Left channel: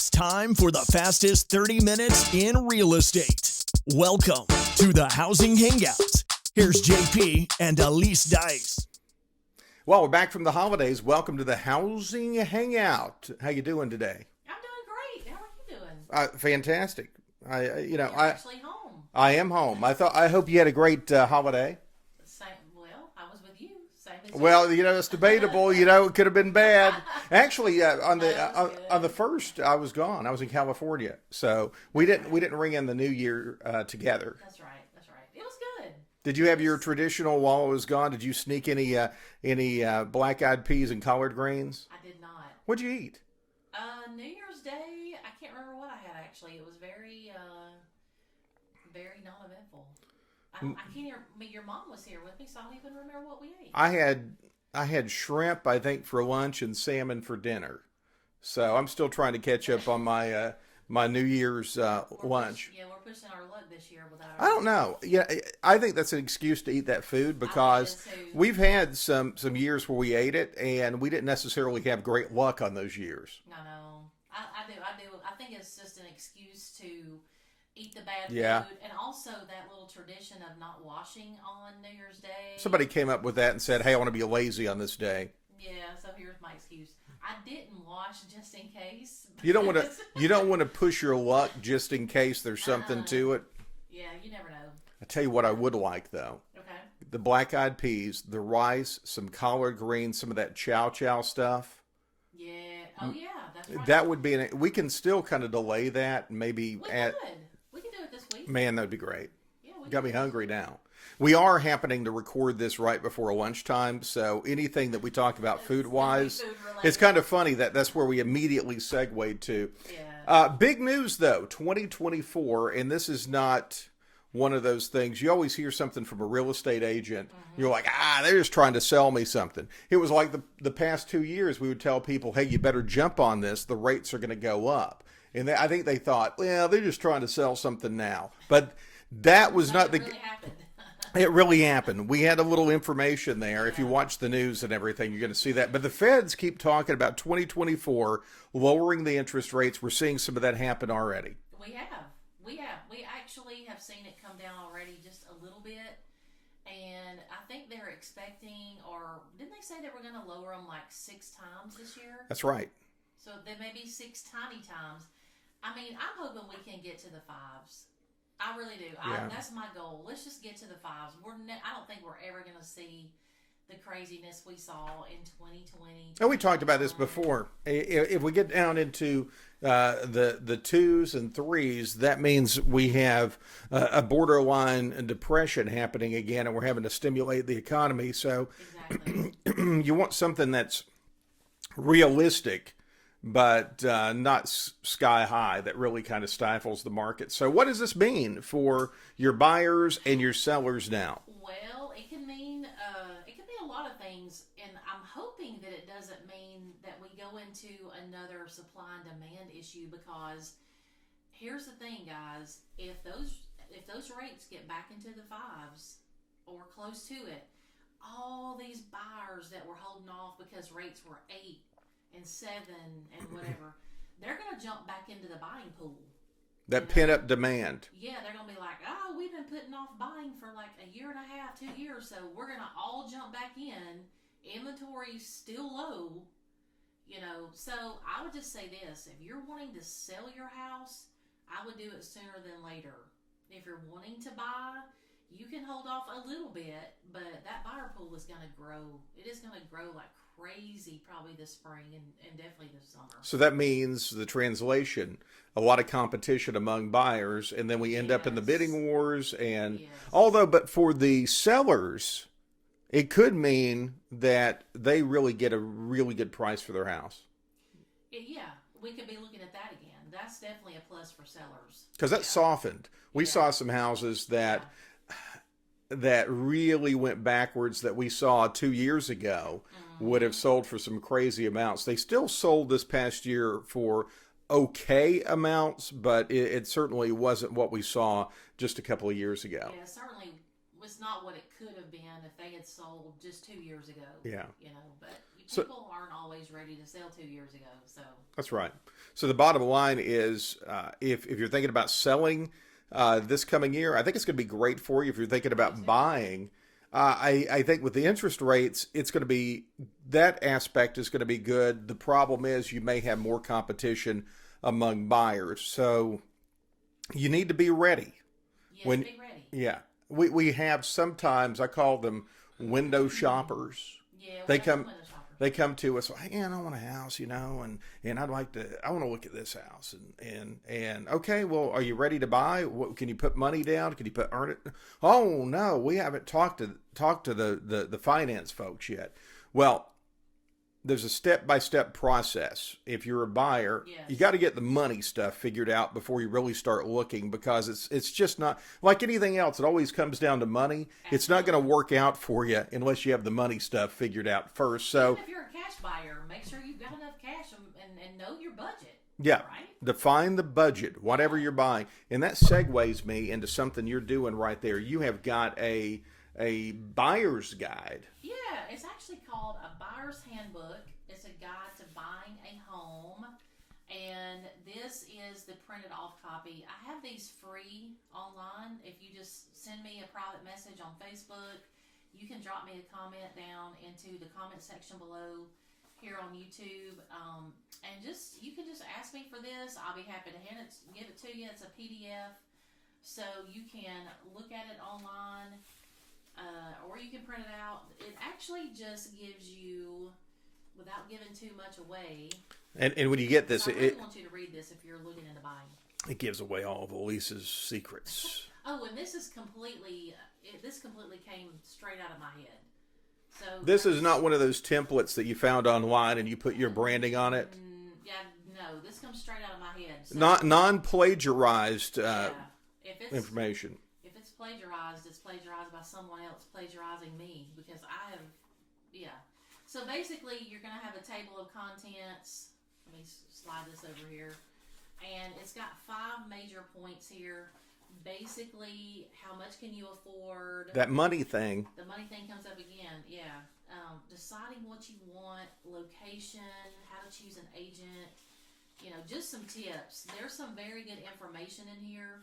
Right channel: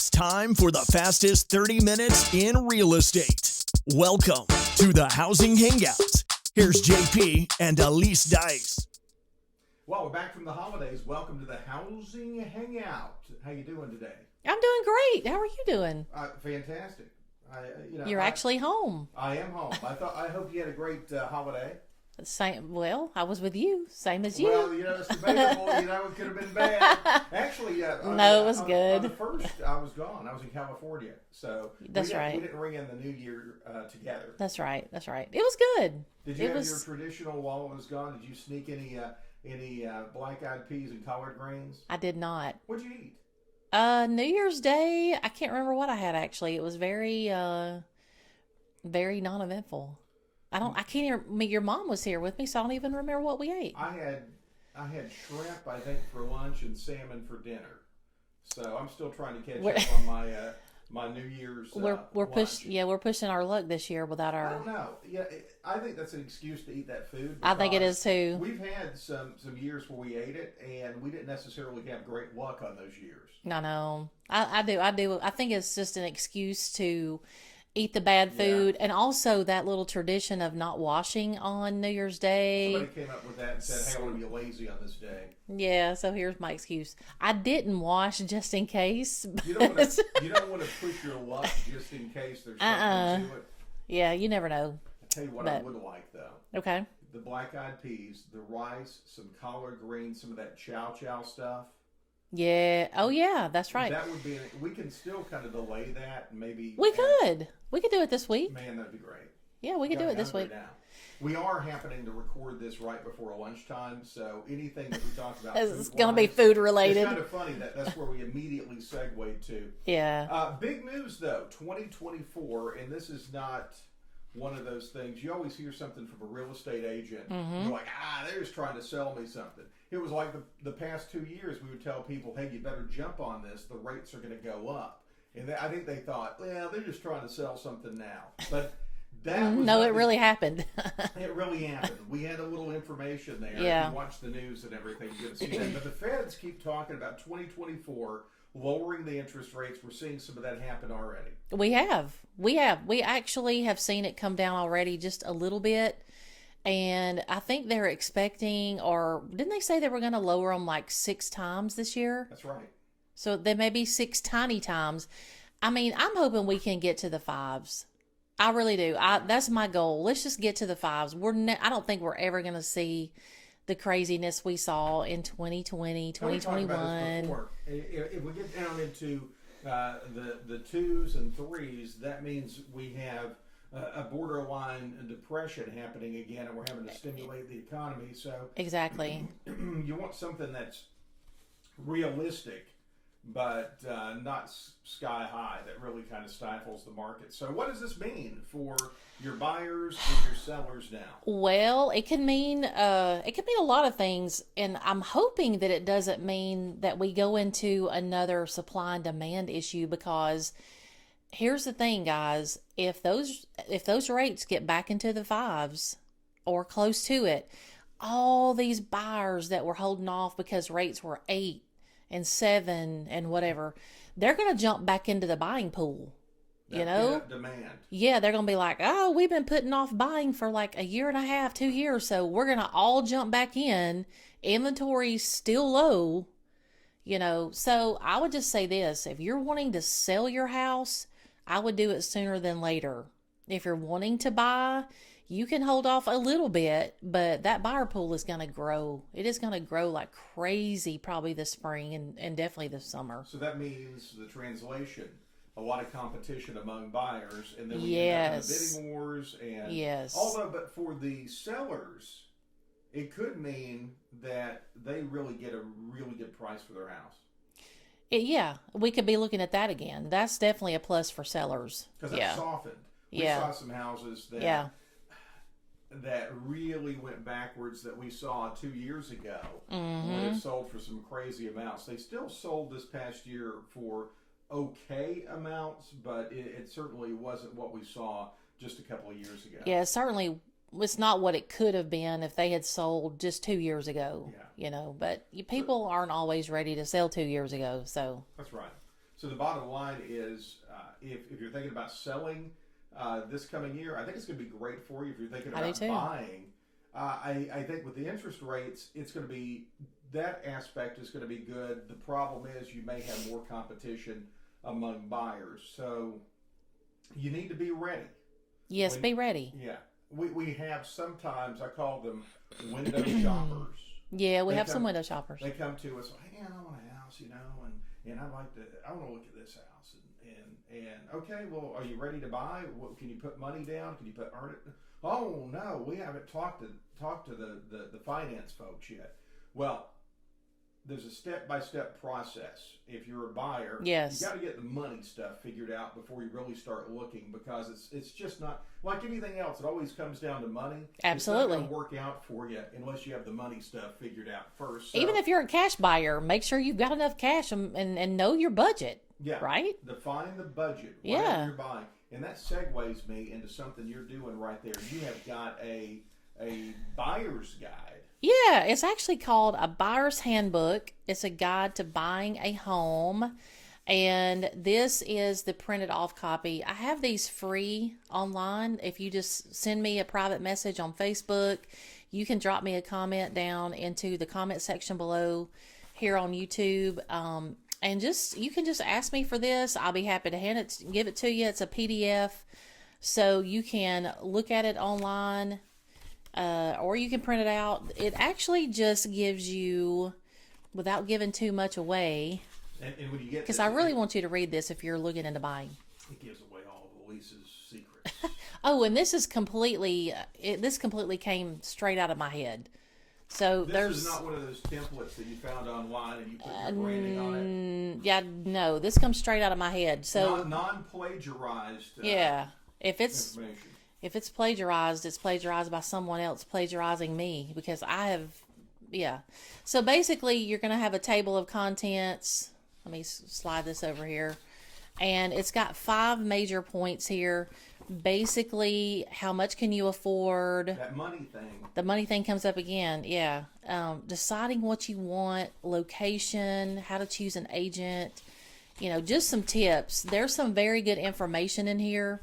It's time for the fastest 30 minutes in real estate. Welcome to the Housing Hangout. Here's JP and Aliece Dice. Well, we're back from the holidays. Welcome to the Housing Hangout. How you doing today? I'm doing great. How are you doing? Fantastic. You're actually home. I am home. I hope you had a great holiday. Same. Well, I was with you. Same as you. Well, it's debatable. It could have been bad. Actually, it was good. On the first, I was gone. I was in California, so we didn't ring in the New Year together. That's right. It was good. Did you have your traditional while I was gone? Did you sneak any black-eyed peas and collard greens? I did not. What'd you eat? New Year's Day. I can't remember what I had actually. It was very, very non-eventful. I can't even. Your mom was here with me, so I don't even remember what we ate. I had shrimp, I think, for lunch and salmon for dinner. So I'm still trying to catch up on my my New Year's lunch. We're pushing our luck this year without our. I don't know. Yeah, I think that's an excuse to eat that food because I think it is too. We've had some years where we ate it and we didn't necessarily have great luck on those years. I know. I do. I think it's just an excuse to eat the bad food, and also that little tradition of not washing on New Year's Day. Somebody came up with that and said, "Hey, I want to be lazy on this day." Yeah, so here's my excuse. I didn't wash just in case. You don't want to push your luck just in case there's something to it. Yeah, you never know. I tell you what, I would like though. Okay. The black-eyed peas, the rice, some collard greens, some of that chow stuff. Yeah. Oh, yeah. That's right. That would be. We can still kind of delay that. Maybe we could. We could do it this week. Man, that'd be great. Yeah, we could do it this week. Got me hungry now. We are happening to record this right before lunchtime, so anything that we talk about food-wise, it's going to be food related. It's kind of funny that's where we immediately segued to. Yeah. Big news though, 2024, and this is not one of those things. You always hear something from a real estate agent. Mm-hmm. You're like, they're just trying to sell me something. It was like the past 2 years, we would tell people, hey, you better jump on this. The rates are going to go up. And I think they thought, well, they're just trying to sell something now. But that was not. It really happened. It really happened. We had a little information there. Yeah. If you watch the news and everything, you're going to see that. But the Feds keep talking about 2024 lowering the interest rates. We're seeing some of that happen already. We have. We actually have seen it come down already just a little bit. And I think they're expecting, or didn't they say they were going to lower them like 6 times this year? That's right. So there may be 6 tiny times. I mean, I'm hoping we can get to the 5s. I really do. Yeah. That's my goal. Let's just get to the 5s. I don't think we're ever going to see the craziness we saw in 2020, 2021. And we talked about this before. If we get down into the 2s and 3s, that means we have a borderline depression happening again, and we're having to stimulate the economy. So exactly, you want something that's realistic, but not sky high, that really kind of stifles the market. So what does this mean for your buyers and your sellers now? Well, it can mean a lot of things, and I'm hoping that it doesn't mean that we go into another supply and demand issue, because here's the thing, guys, if those rates get back into the 5s or close to it, all these buyers that were holding off because rates were 8 and 7 and whatever, they're going to jump back into the buying pool. That pent-up demand. Yeah, they're going to be like, oh, we've been putting off buying for like a year and a half, 2 years, so we're going to all jump back in. Inventory's still low, So I would just say this. If you're wanting to sell your house, I would do it sooner than later. If you're wanting to buy, you can hold off a little bit, but that buyer pool is going to grow. It is going to grow like crazy probably this spring and definitely this summer. So that means the translation, a lot of competition among buyers, and then we end up in the bidding wars. And but for the sellers, it could mean that they really get a really good price for their house. We could be looking at that again. That's definitely a plus for sellers. Because that softened. We saw some houses that really went backwards that we saw 2 years ago would have sold for some crazy amounts. They still sold this past year for okay amounts, but it certainly wasn't what we saw just a couple of years ago. Yeah, certainly it's not what it could have been if they had sold just 2 years ago. Yeah. But people aren't always ready to sell 2 years ago. So that's right. So the bottom line is, if you're thinking about selling this coming year, I think it's going to be great for you. If you're thinking about buying, I think with the interest rates, it's going to be, that aspect is going to be good. The problem is you may have more competition among buyers. So you need to be ready. Yes, be ready. Yeah. We have sometimes, I call them window shoppers. Yeah, we have some window shoppers. They come to us, hey, I want a house, and I want to look at this house, and okay, well, are you ready to buy? Can you put money down? Can you earn it? Oh no, we haven't talked to the finance folks yet. Well, there's a step-by-step process. If you're a buyer, yes, you got to get the money stuff figured out before you really start looking, because it's just not like anything else. It always comes down to money. Absolutely. It's not going to work out for you unless you have the money stuff figured out first. So even if you're a cash buyer, make sure you've got enough cash and know your budget. Yeah. Right? Define the budget, whatever you're buying. And that segues me into something you're doing right there. You have got a buyer's guide. Yeah, it's actually called a buyer's handbook. It's a guide to buying a home. And this is the printed off copy. I have these free online. If you just send me a private message on Facebook, you can drop me a comment down into the comment section below here on YouTube. And you can just ask me for this. I'll be happy to give it to you. It's a PDF. So you can look at it online. Or you can print it out. It actually just gives you, without giving too much away. And when you get this, because I really want you to read this if you're looking into buying. It gives away all of Aliece's secrets. Oh, and this is completely. This completely came straight out of my head. So this is not one of those templates that you found online and you put your branding on it. Yeah, no. This comes straight out of my head. So not non-plagiarized. Yeah, if it's information. If it's plagiarized, it's plagiarized by someone else plagiarizing me, because I have, yeah. So basically, you're going to have a table of contents. Let me slide this over here. And it's got 5 major points here. Basically, how much can you afford? That money thing. The money thing comes up again, yeah. Deciding what you want, location, how to choose an agent. Just some tips. There's some very good information in here.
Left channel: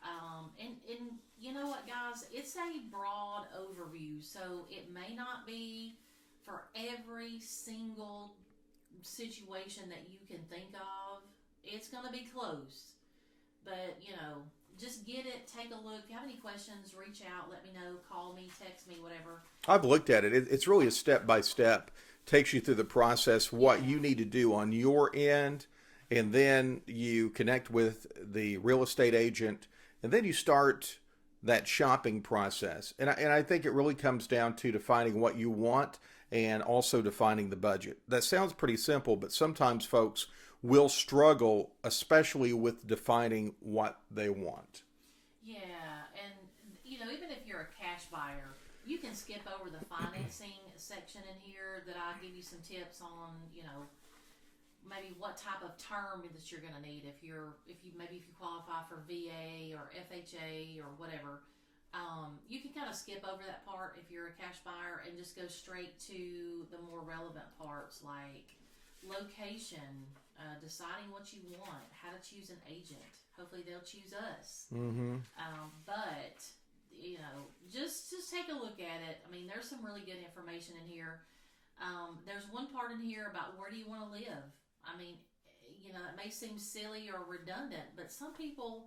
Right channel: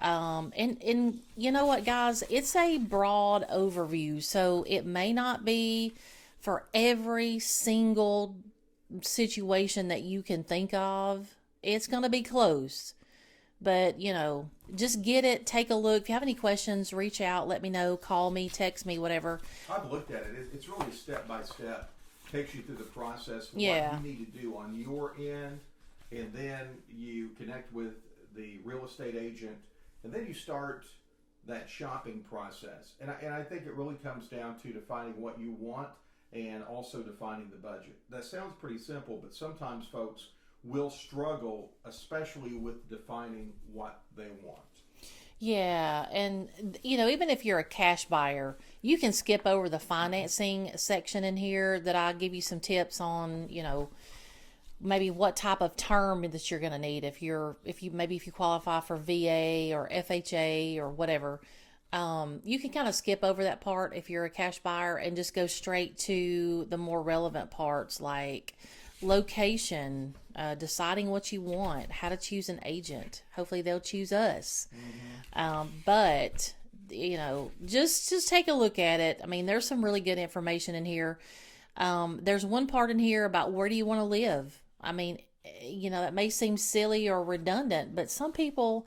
And you know what, guys, it's a broad overview, so it may not be for every single situation that you can think of. It's going to be close, but just get it, take a look. If you have any questions, reach out, let me know, call me, text me, whatever. I've looked at it. It's really a step-by-step, takes you through the process, what you need to do on your end, and then you connect with the real estate agent. And then you start that shopping process. And I think it really comes down to defining what you want and also defining the budget. That sounds pretty simple, but sometimes folks will struggle, especially with defining what they want. Yeah, and even if you're a cash buyer, you can skip over the financing section in here that I give you some tips on, maybe what type of term that you're going to need if you qualify for VA or FHA or whatever. You can kind of skip over that part if you're a cash buyer and just go straight to the more relevant parts like location, deciding what you want, how to choose an agent. Hopefully they'll choose us. Mm-hmm. But just take a look at it. I mean, there's some really good information in here. There's one part in here about where do you want to live. I mean, that may seem silly or redundant, but some people,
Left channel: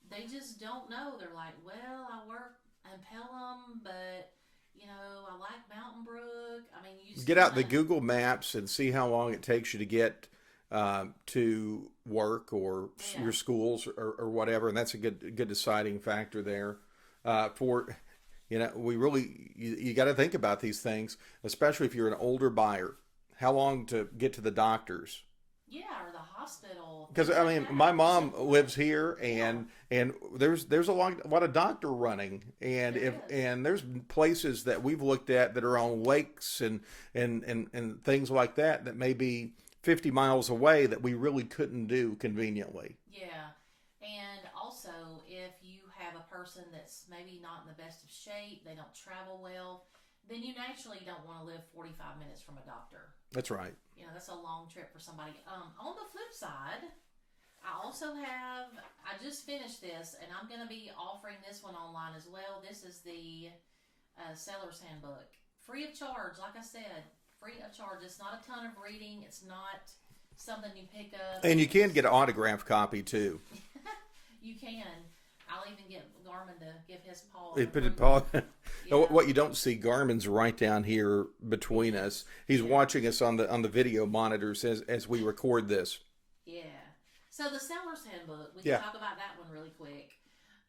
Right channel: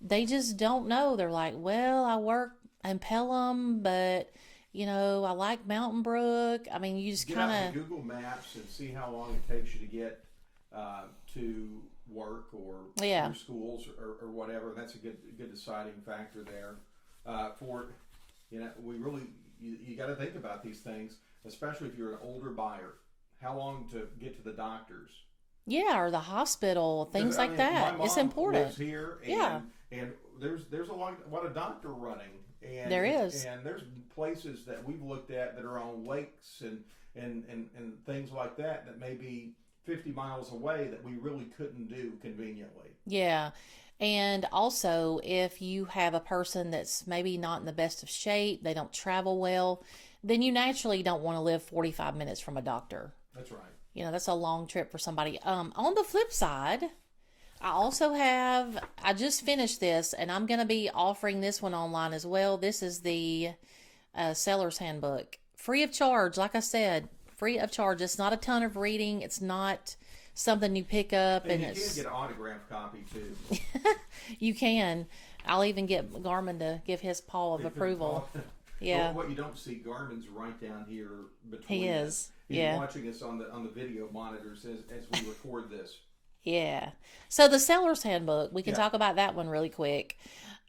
they just don't know. They're like, well, I work in Pelham, but, I like Mountain Brook. I mean, you just get out the Google Maps and see how long it takes you to get to work or your schools or whatever. And that's a good deciding factor there we really, you got to think about these things, especially if you're an older buyer. How long to get to the doctors? Yeah, or the hospital, things like that. My mom lives here, and there's a lot of doctor running, and and there's places that we've looked at that are on lakes and things like that may be 50 miles away that we really couldn't do conveniently. Yeah. And also, if you have a person that's maybe not in the best of shape, they don't travel well, then you naturally don't want to live 45 minutes from a doctor. That's right. You know, that's a long trip for somebody. On the flip side, I just finished this, and I'm going to be offering this one online as well. This is the Seller's Handbook. Free of charge, like I said, free of charge. It's not a ton of reading. It's not something you pick up. And you can get an autographed copy, too. You can. I'll even get Garmin to give his paw of approval. Yeah. What you don't see, Garmin's right down here between us. He's watching us on the video monitors as we record this. Yeah. So the Seller's Handbook, we can talk about that one really quick.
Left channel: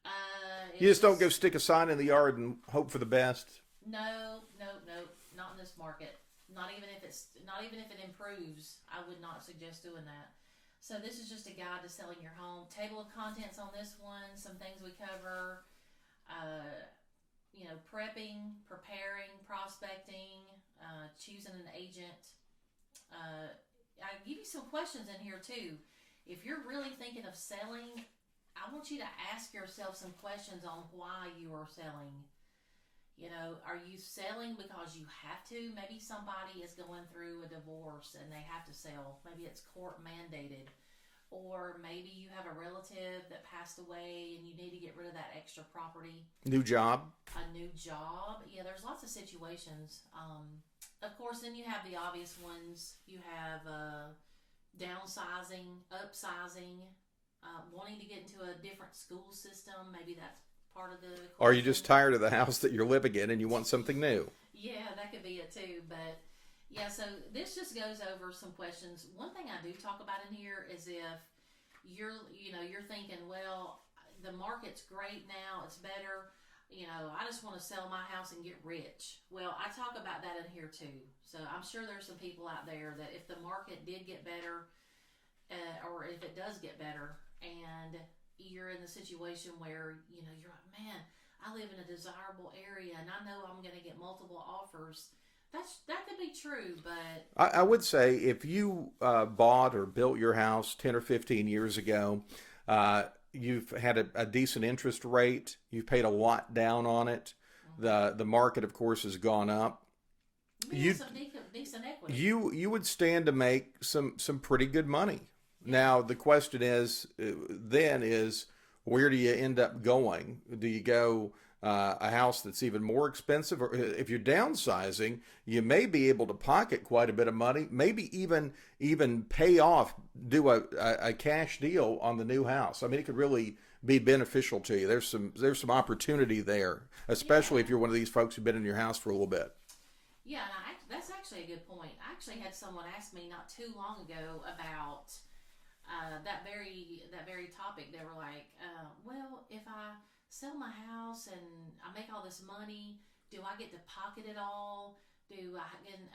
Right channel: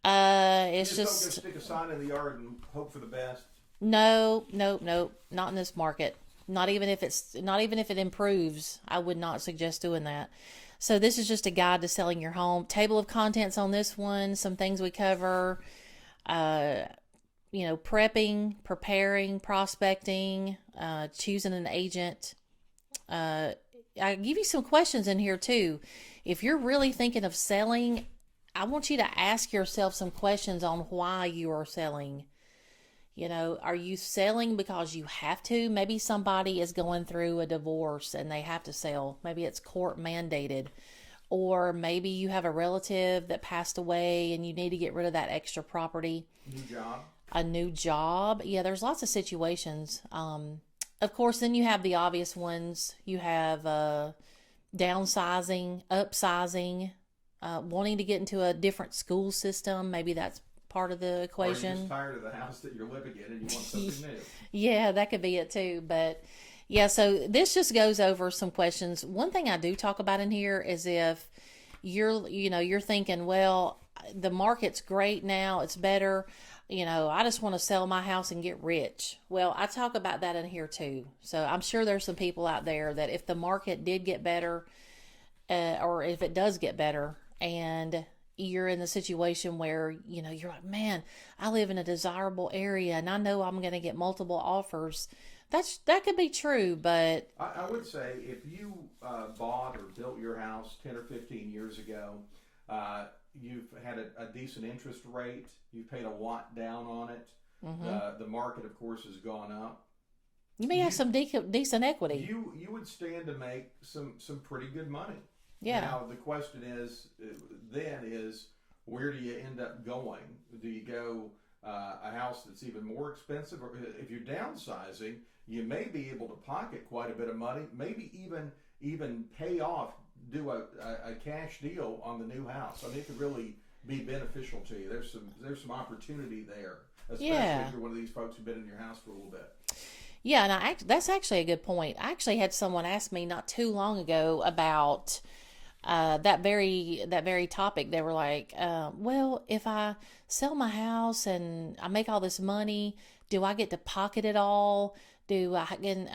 You just don't go stick a sign in the yard and hope for the best. No, not in this market. Not even if it improves, I would not suggest doing that. So this is just a guide to selling your home. Table of contents on this one. Some things we cover. Prepping, preparing, prospecting, choosing an agent. I give you some questions in here too. If you're really thinking of selling, I want you to ask yourself some questions on why you are selling. You know, are you selling because you have to? Maybe somebody is going through a divorce and they have to sell. Maybe it's court mandated. Or maybe you have a relative that passed away and you need to get rid of that extra property. New job. A new job. Yeah, there's lots of situations. Of course, then you have the obvious ones. You have downsizing, upsizing, wanting to get into a different school system. Maybe that's part of the equation. Or you're just tired of the house that you're living in and you want something new. Yeah, that could be it too. But yeah, so this just goes over some questions. One thing I do talk about in here is if you're thinking, well, the market's great now, it's better. I just want to sell my house and get rich. Well, I talk about that in here too. So I'm sure there's some people out there that if the market did get better, or if it does get better, and you're in the situation where, you're like, man, I live in a desirable area and I know I'm going to get multiple offers. That could be true, but I would say if you bought or built your house 10 or 15 years ago, you've had a decent interest rate. You've paid a lot down on it. Mm-hmm. The market, of course, has gone up. You may have some decent equity. You would stand to make some pretty good money. Yeah. Now, the question is, where do you end up going? Do you go a house that's even more expensive? Or if you're downsizing, you may be able to pocket quite a bit of money, maybe even pay off, do a cash deal on the new house. I mean, it could really be beneficial to you. There's some opportunity there, especially if you're one of these folks who've been in your house for a little bit. Yeah, and that's actually a good point. I actually had someone ask me not too long ago about that very topic. They were like, well, if I sell my house and I make all this money, do I get to pocket it all? Do I, and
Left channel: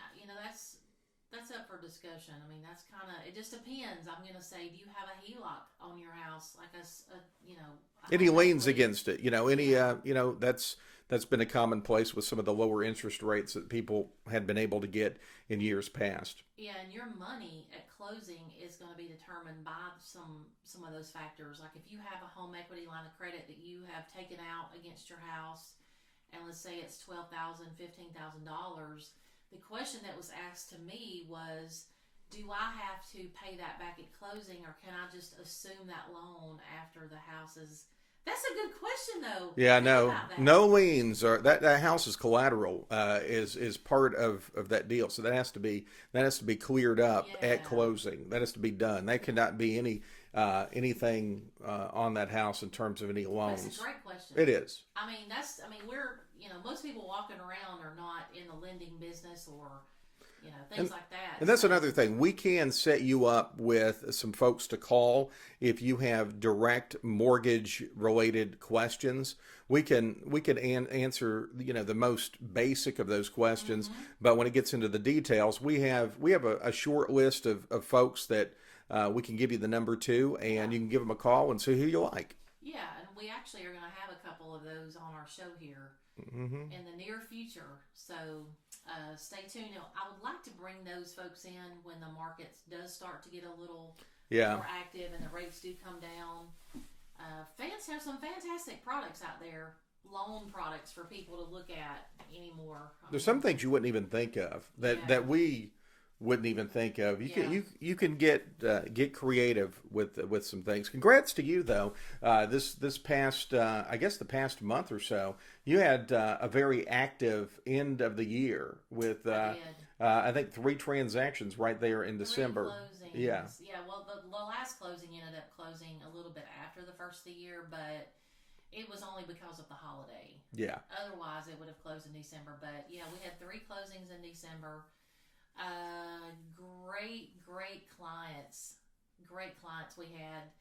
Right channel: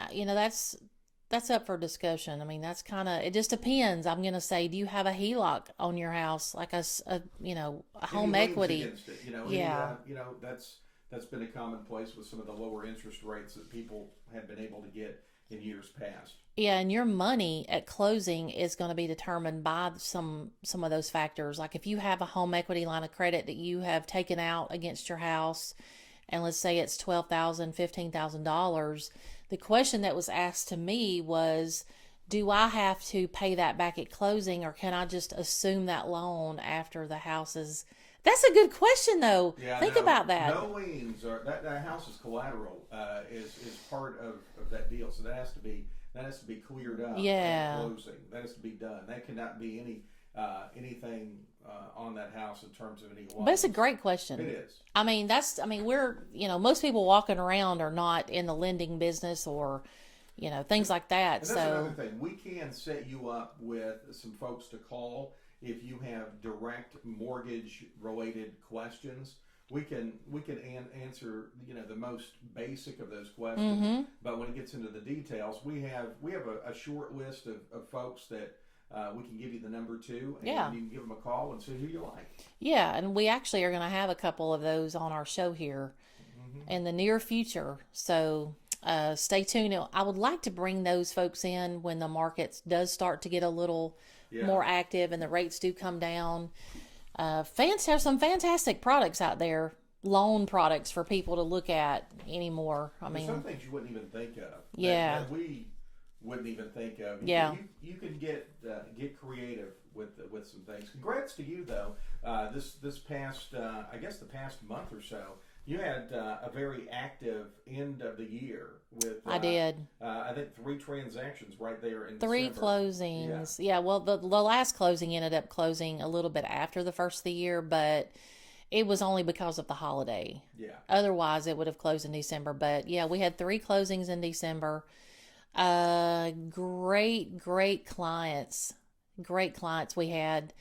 that's up for discussion. I mean, that's it just depends. I'm going to say, do you have a HELOC on your house? Like a home any liens equity against it? That's been a commonplace with some of the lower interest rates that people had been able to get in years past. Yeah, and your money at closing is going to be determined by some of those factors. Like if you have a home equity line of credit that you have taken out against your house, and let's say it's $12,000, $15,000, the question that was asked to me was, do I have to pay that back at closing, or can I just assume that loan after the house is... That's a good question, though. Yeah, Think about that. No liens or that house is collateral is part of that deal. So that has to be cleared up at closing. That has to be done. That cannot be anything on that house in terms of any loans. But it's a great question. It is. I mean, we're most people walking around are not in the lending business or things like that. And that's another thing. We can set you up with some folks to call if you have direct mortgage related questions. We can answer the most basic of those questions. Mm-hmm. But when it gets into the details, we have a short list of folks that we can give you the number to, and you can give them a call and see who you like. Yeah, and we actually are going to have a couple of those on our show here in the near future. So stay tuned. I would like to bring those folks in when the market does start to get a little more active and the rates do come down. Fans have some fantastic products out there, loan products for people to look at anymore. There's some things you wouldn't even think of that we wouldn't even think of. You can get creative with some things. Congrats to you though. This past I guess the past month or so, you had a very active end of the year with I did. I think 3 transactions right there in December. 3 closings. Yeah. Well, the last closing ended up closing a little bit after the first of the year, but it was only because of the holiday. Yeah. Otherwise, it would have closed in December. But yeah, we had 3 closings in December. Great clients. Great clients we had.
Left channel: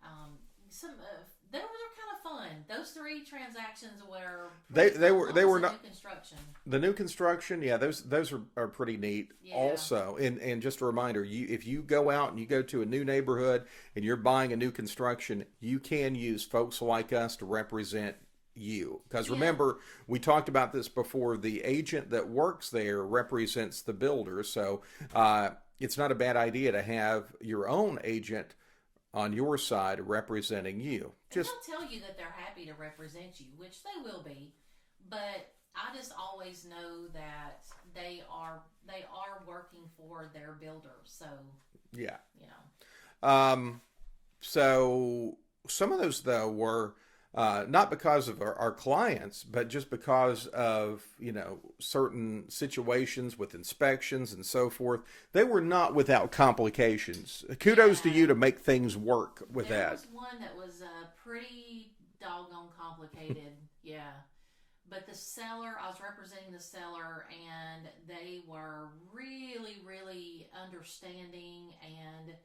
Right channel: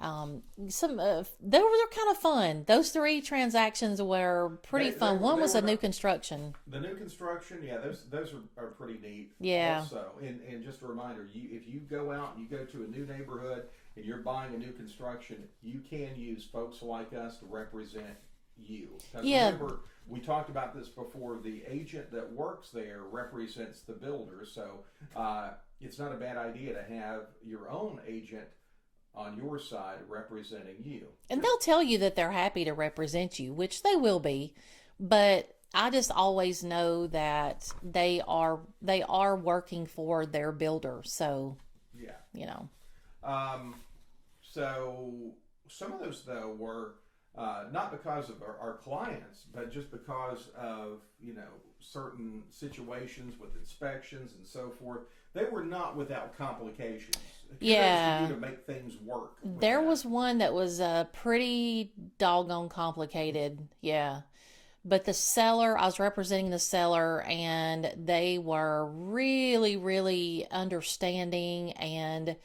They were kind of fun. Those 3 transactions were pretty fun. One was new construction. The new construction, yeah, those are pretty neat. Yeah. Also, and just a reminder, if you go out and you go to a new neighborhood and you're buying a new construction, you can use folks like us to represent you. Because remember, we talked about this before. The agent that works there represents the builder, so it's not a bad idea to have your own agent on your side representing you. And they'll tell you that they're happy to represent you, which they will be, but I just always know that they are working for their builder. So yeah, so some of those though were not because of our clients, but just because of, certain situations with inspections and so forth. They were not without complications. Kudos to you to make things work with There was one that was pretty doggone complicated. Yeah. But the seller, I was representing the seller, and they were really, really understanding and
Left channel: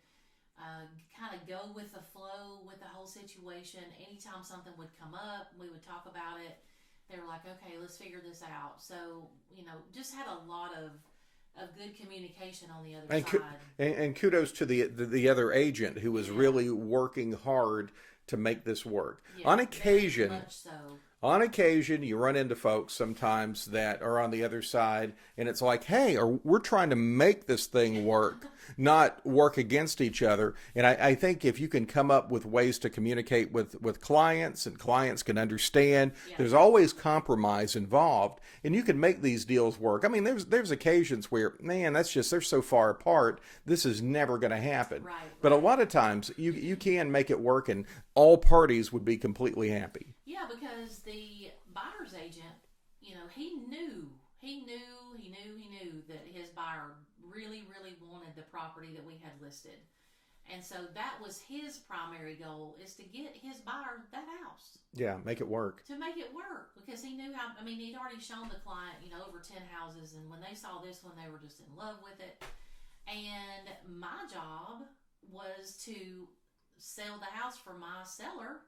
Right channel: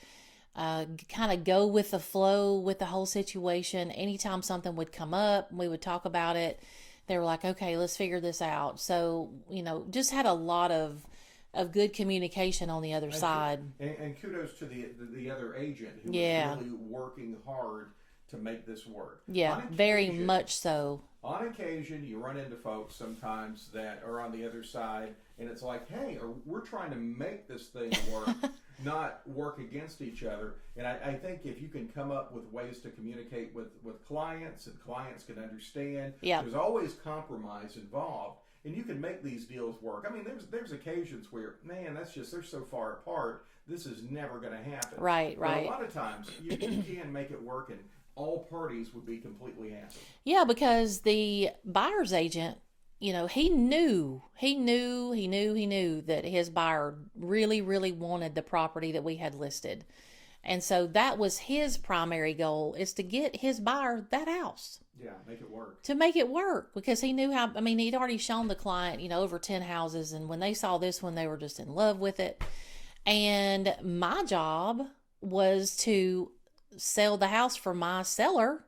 kind of go with the flow with the whole situation. Anytime something would come up, we would talk about it. They were like, okay, let's figure this out. So, just had a lot of good communication on the other side. And kudos to the other agent who was really working hard to make this work. Yeah, on occasion, very much so. On occasion, you run into folks sometimes that are on the other side, and it's like, hey, we're trying to make this thing work, not work against each other. And I think if you can come up with ways to communicate with clients, and clients can understand, there's always compromise involved, and you can make these deals work. I mean, there's occasions where, man, they're so far apart, this is never going to happen. Right. But a lot of times, you can make it work, and all parties would be completely happy. Yeah, because the buyer's agent, he knew that his buyer really, really wanted the property that we had listed. And so that was his primary goal, is to get his buyer that house. Yeah, make it work. To make it work, because he knew he'd already shown the client, over 10 houses. And when they saw this one, they were just in love with it. And my job was to sell the house for my seller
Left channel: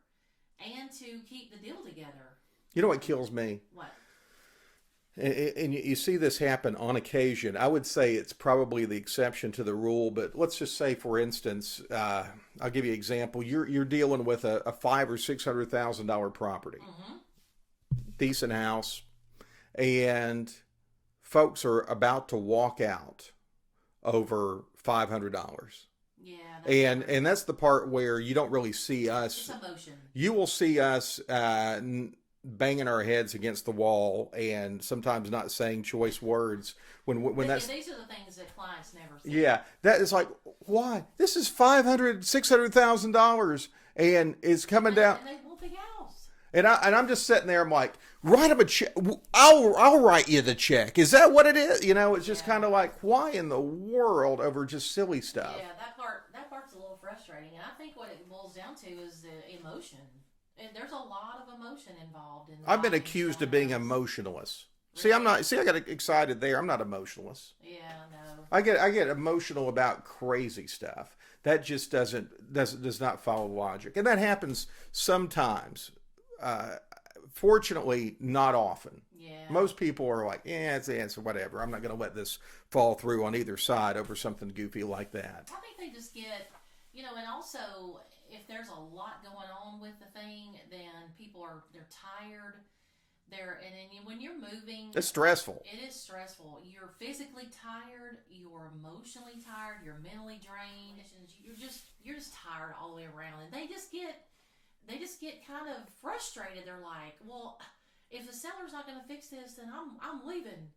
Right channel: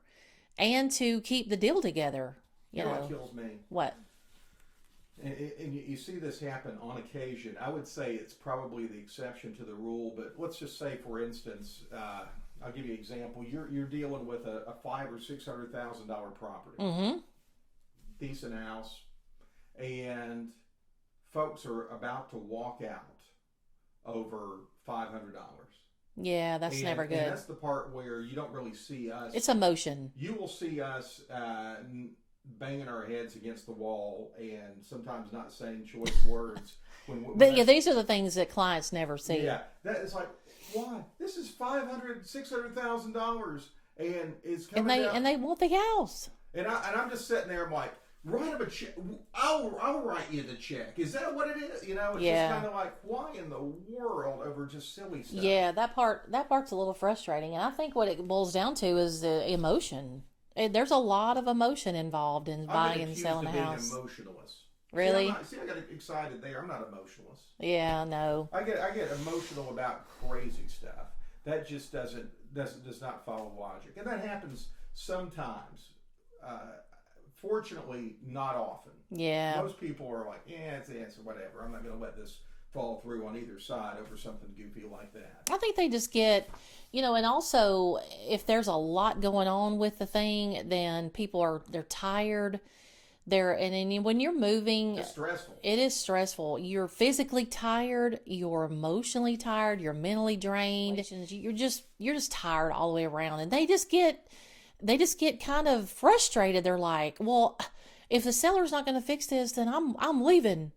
and to keep the deal together. You know what kills me? What? And you see this happen on occasion. I would say it's probably the exception to the rule, but let's just say, for instance, I'll give you an example. You're dealing with a $500,000 or $600,000 property, decent house, and folks are about to walk out over $500. Yeah, that's never good. And that's the part where you don't really see us. It's emotion. You will see us banging our heads against the wall and sometimes not saying choice words. These are the things that clients never see. Yeah, that is like, why? This is $500,000, $600,000, and it's coming down, and they want the house. And I'm just sitting there. I'm like, write them a check. I'll write you the check. Is that what it is? It's just kind of like, why in the world over just silly stuff? Yeah, that part's a little frustrating, and I think what it boils down to is the emotion. There's a lot of emotion involved in. I've been accused of being emotionless. Really? I got excited there. I'm not emotionless. Yeah, no. I get emotional about crazy stuff. That just does not follow logic, and that happens sometimes. Fortunately, not often. Yeah. Most people are like, it's whatever. I'm not going to let this fall through on either side over something goofy like that. I think they just get, and also if there's a lot going on with the thing, then they're tired. And when you're moving, it's stressful. It is stressful. You're physically tired. You're emotionally tired. You're mentally drained. You're just tired all the way around. And they just get kind of frustrated. They're like, well, if the seller's not going to fix this, then I'm leaving.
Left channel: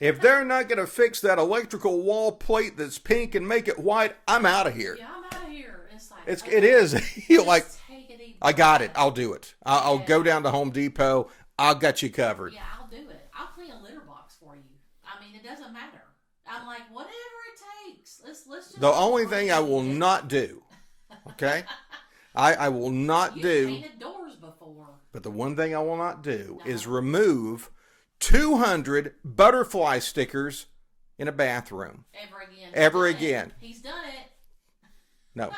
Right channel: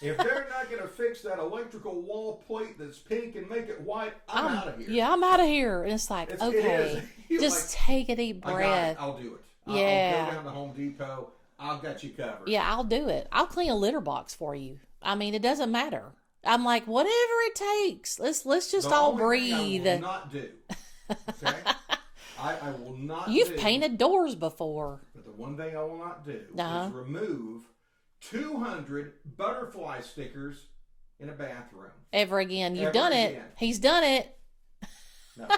If they're not going to fix that electrical wall plate that's pink and make it white, I'm out of here. Yeah, I'm out of here. And it's like, okay, it is. You're just like, take a deep breath. I got it. I'll do it. I'll Yeah. go down to Home Depot. I'll got you covered. Yeah, I'll do it. I'll clean a litter box for you. I mean, it doesn't matter. I'm like, whatever it takes. Let's just The all only breathe. thing I will not do, okay? I will not You've do. painted doors before. But the one thing I will not do is Uh-huh. remove 200 butterfly stickers in a bathroom. Ever again. Ever again. He's done it. No,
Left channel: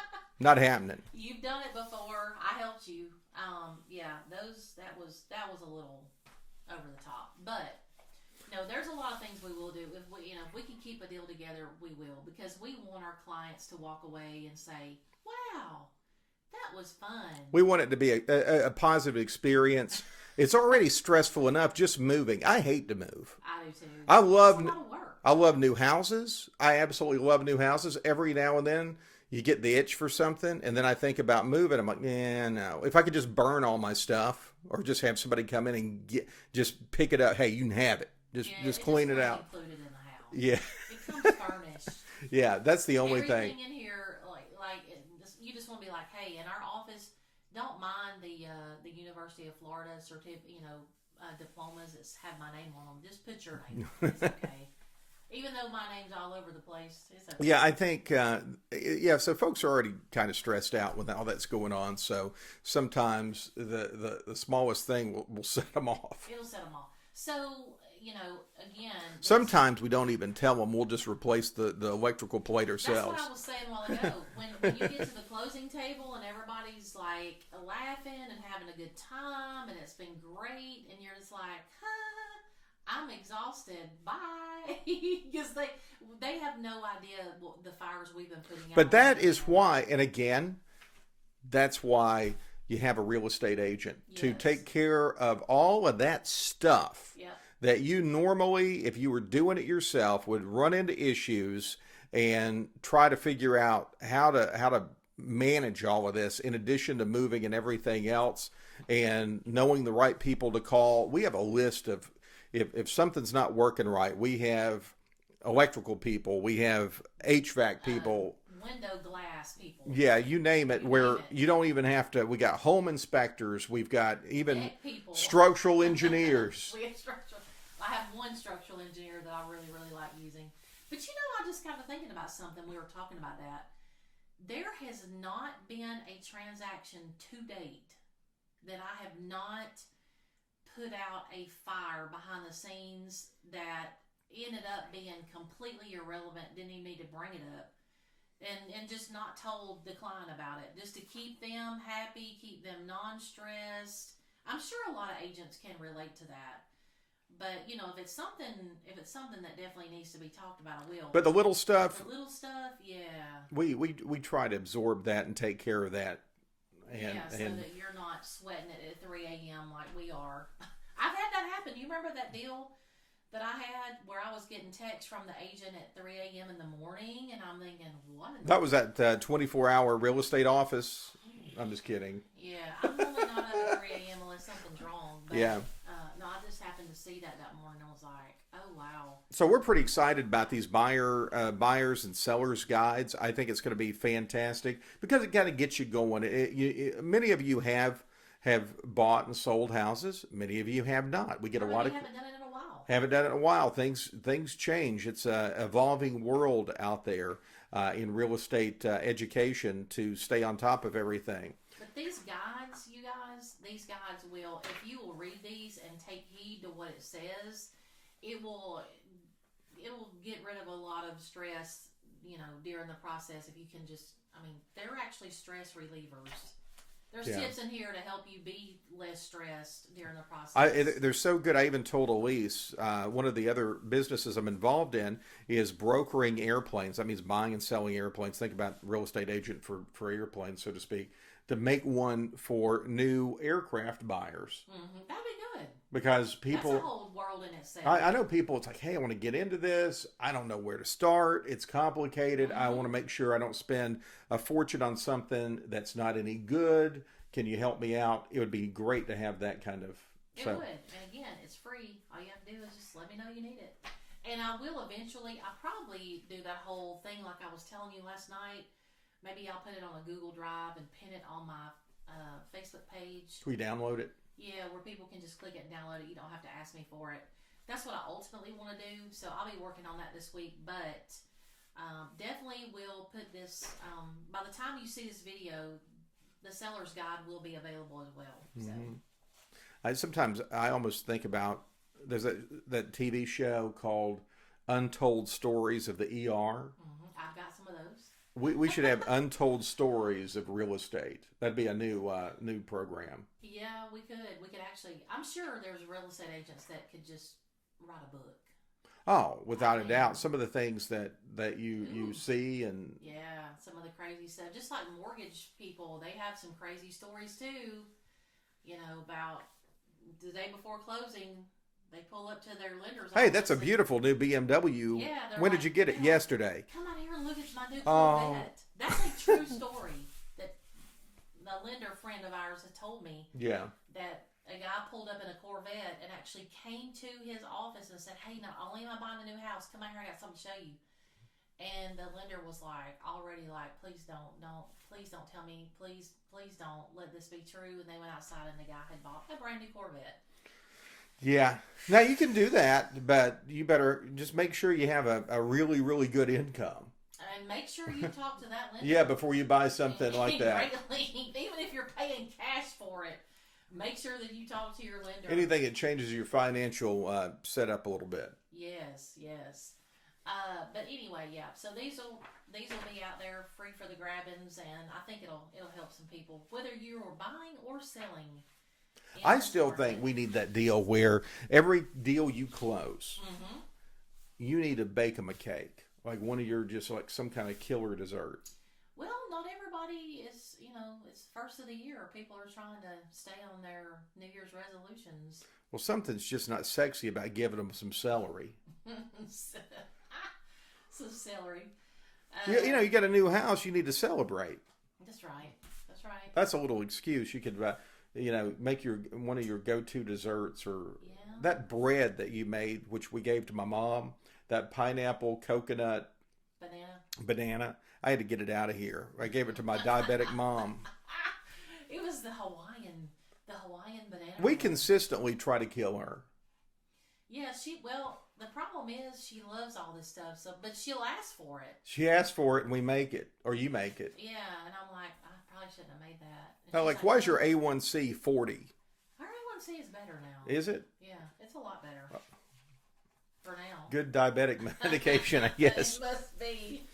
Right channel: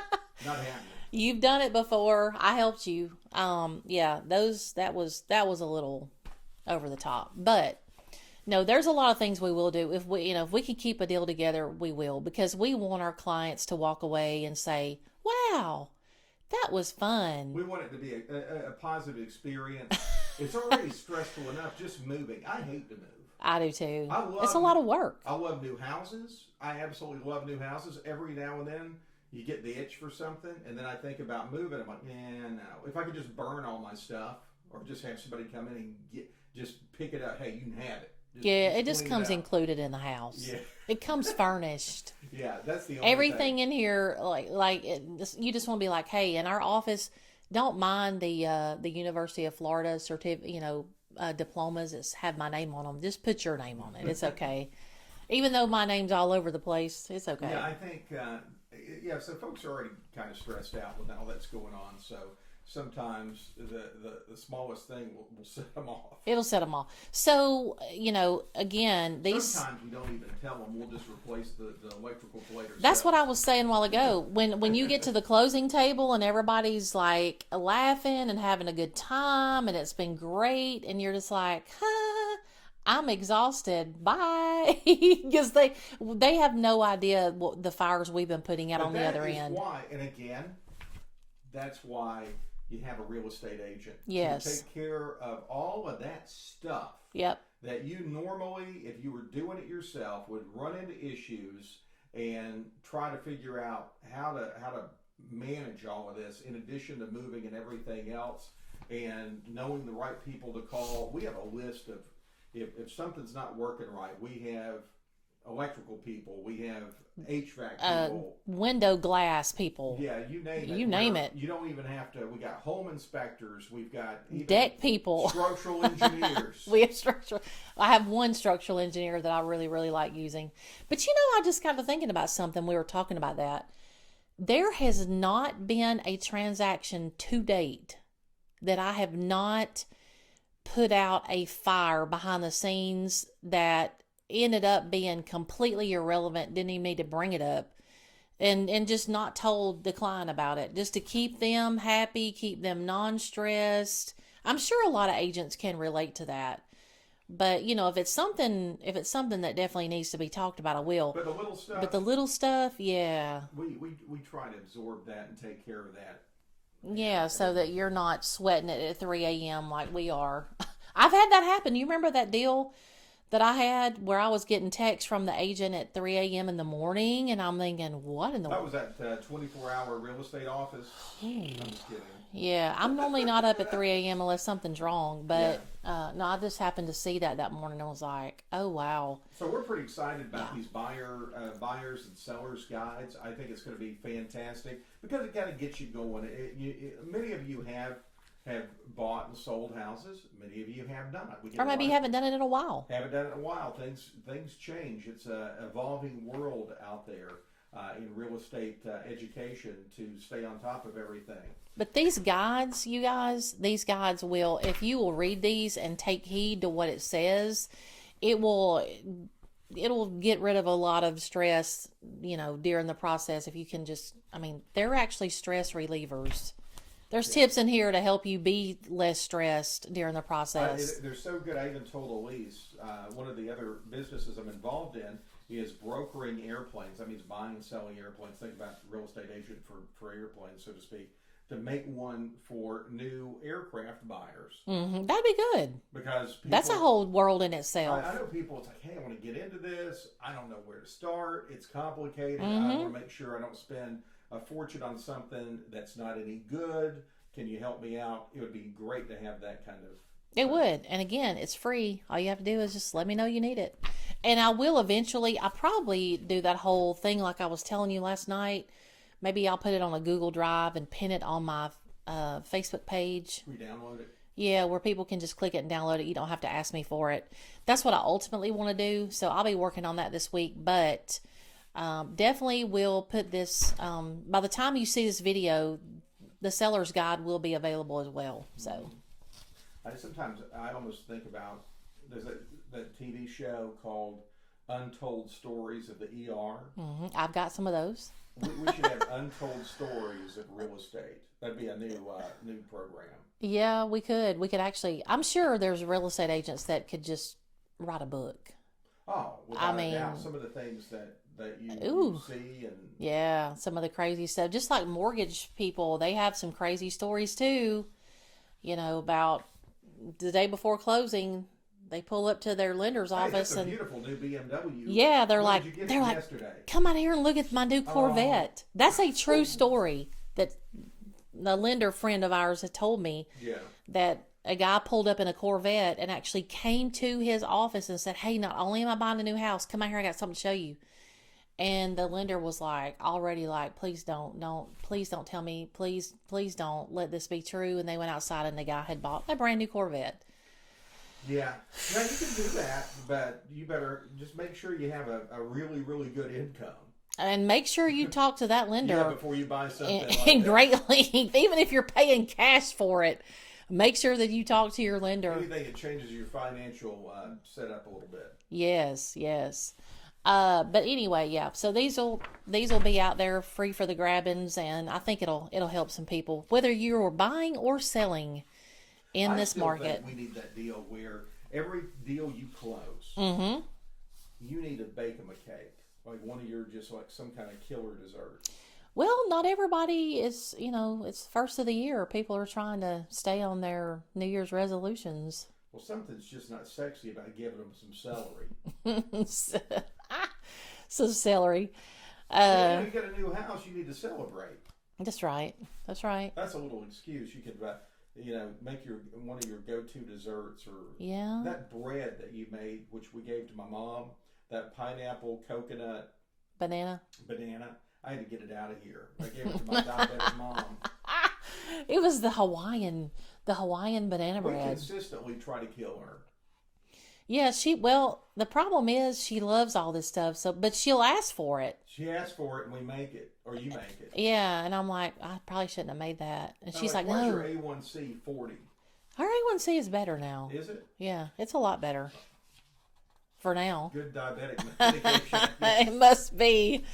not happening. You've done it before. I helped you. Yeah, that was a little over the top. But no, there's a lot of things we will do. If we can keep a deal together, we will, because we want our clients to walk away and say, wow, that was fun. We want it to be a positive experience. It's already stressful enough just moving. I hate to move. I do too. I love It's a lot of work. I love new houses. I absolutely love new houses. Every now and then you get the itch for something, and then I think about moving. I'm like, no. If I could just burn all my stuff, or just have somebody come in and just pick it up. Hey, you can have it. It just clean comes out. included in the house. Yeah. It comes furnished. Yeah, that's the only Everything thing. in here, you just want to be like, hey, in our office, don't mind the University of Florida diplomas that have my name on them. Just put your name on it. It's okay. Even though my name's all over the place, it's okay. Yeah, I think, so folks are already kind of stressed out with all that's going on. So sometimes the smallest thing will set them off. It'll set them off. So, again. Sometimes we don't even tell them. We'll just replace the electrical plate ourselves. That's what I was saying a while ago. When you get to the closing table and everybody's like laughing and having a good time and it's been great and you're just like, I'm exhausted. Bye. Because they have no idea what the fires we've been putting out. But on the that other is end. why, and again, that's why you have a real estate agent Yes. to take care of all of that stuff. Yep. That you normally, if you were doing it yourself, would run into issues and try to figure out how to manage all of this in addition to moving and everything else and knowing the right people to call. We have a list of, if something's not working right, we have electrical people, we have HVAC people, window glass people. yeah, you name it. You name it. You don't even have to. We got home inspectors. We've got even Deck people. structural engineers. We have structural. I have one structural engineer that I really, really like using. But I just got to thinking about something. We were talking about that. There has not been a transaction to date that I have not put out a fire behind the scenes that ended up being completely irrelevant, didn't even need to bring it up, and just not told the client about it, just to keep them happy, keep them non-stressed. I'm sure a lot of agents can relate to that. But if it's something that definitely needs to be talked about, I will. But the little stuff. But the little stuff, yeah. We try to absorb that and take care of that. Yeah, so that you're not sweating it at 3 a.m. like we are. I've had that happen. You remember that deal that I had where I was getting texts from the agent at 3 a.m. in the morning, and I'm thinking, what in the... That was that 24-hour real estate office. I'm just kidding. Yeah, I'm normally not up at 3 a.m. unless something's wrong. But, Yeah. no, I just happened to see that morning and I was like, oh, wow. So we're pretty excited about these buyers and sellers guides. I think it's going to be fantastic because it kind of gets you going. Many of you have bought and sold houses. Many of you have not. We get Or maybe you haven't done it in a while. Haven't done it in a while. Things change. It's a evolving world out there in real estate education to stay on top of everything. But these guides, you guys, will, if you will read these and take heed to what it says, it'll get rid of a lot of stress, during the process. If you can they're actually stress relievers. There's tips in here to help you be less stressed during the process. They're so good. I even told Aliece, one of the other businesses I'm involved in is brokering airplanes. That means buying and selling airplanes. Think about real estate agent for airplanes, so to speak, to make one for new aircraft buyers. Mm-hmm. That'd be good. Because people... That's a whole world in itself. I know people, it's like, hey, I want to get into this. I don't know where to start. It's complicated. I want to make sure I don't spend a fortune on something that's not any good. Can you help me out? It would be great to have that kind of... It would. And again, it's free. All you have to do is just let me know you need it. And I will eventually, I probably do that whole thing like I was telling you last night. Maybe I'll put it on a Google Drive and pin it on my Facebook page. We download it. Yeah, where people can just click it and download it. You don't have to ask me for it. That's what I ultimately want to do. So I'll be working on that this week. But definitely will put this, by the time you see this video, the seller's guide will be available as well. So Sometimes I almost think about, there's that TV show called Untold Stories of the ER. I've got some of those. We should have Untold Stories of Real Estate. That'd be a new program. Yeah, we could. We could actually, I'm sure there's real estate agents that could just write a book. Oh, without a doubt. Some of the things that you see and... Yeah, some of the crazy stuff. Just like mortgage people, they have some crazy stories too. You know, about the day before closing, they pull up to their lender's office. Hey, that's a beautiful new BMW. Yeah, they're when like... did you get it yesterday? Come out here and look at my new Corvette. That's a true story that the lender friend of ours had told me. Yeah. That a guy pulled up in a Corvette and actually came to his office and said, hey, not only am I buying a new house, come out here, I got something to show you. And the lender was like, already like, please don't tell me, please don't let this be true. And they went outside and the guy had bought a brand new Corvette. Yeah. Now you can do that, but you better just make sure you have a really, really good income. And make sure you talk to that lender. Yeah, before you buy something like that. Greatly, even if you're paying cash for it, make sure that you talk to your lender. Anything that changes your financial setup a little bit. Yes. But anyway, yeah. So these will be out there free for the grabbings, and I think it'll help some people, whether you're buying or selling in this market. I still think we need that deal where every deal you close, you need to bake them a cake. Like one of your, just like some kind of killer dessert. Well, not everybody is, it's first of the year. People are trying to stay on their New Year's resolutions. Well, something's just not sexy about giving them some celery. Some celery. You got a new house, you need to celebrate. That's right. That's a little excuse. You could, make one of your go-to desserts, or that bread that you made, which we gave to my mom. That pineapple, coconut, banana. I had to get it out of here. I gave it to my diabetic mom. It was the Hawaiian banana bread. We consistently try to kill her. Yeah, the problem is she loves all this stuff, but she'll ask for it. She asks for it and we make it, or you make it. Yeah, and I'm like, I probably shouldn't have made that. And she's like, why's your A1C 40? Our A1C is better now. Is it? Yeah, it's a lot better. For now. Good diabetic medication, I guess. It must be.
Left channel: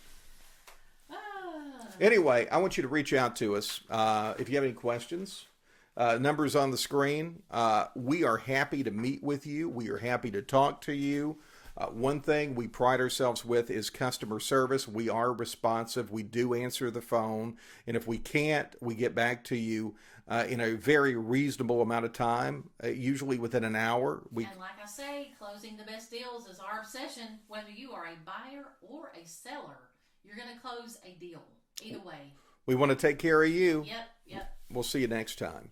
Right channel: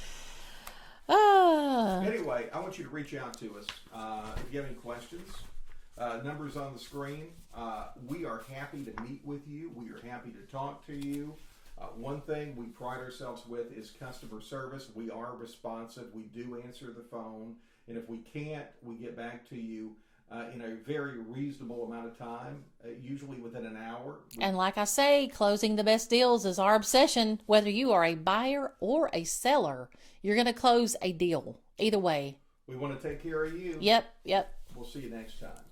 Anyway, I want you to reach out to us if you have any questions. Numbers on the screen. We are happy to meet with you. We are happy to talk to you. One thing we pride ourselves with is customer service. We are responsive. We do answer the phone. And if we can't, we get back to you in a very reasonable amount of time, usually within an hour. And like I say, closing the best deals is our obsession. Whether you are a buyer or a seller, you're going to close a deal. Either way. We want to take care of you. Yep. We'll see you next time.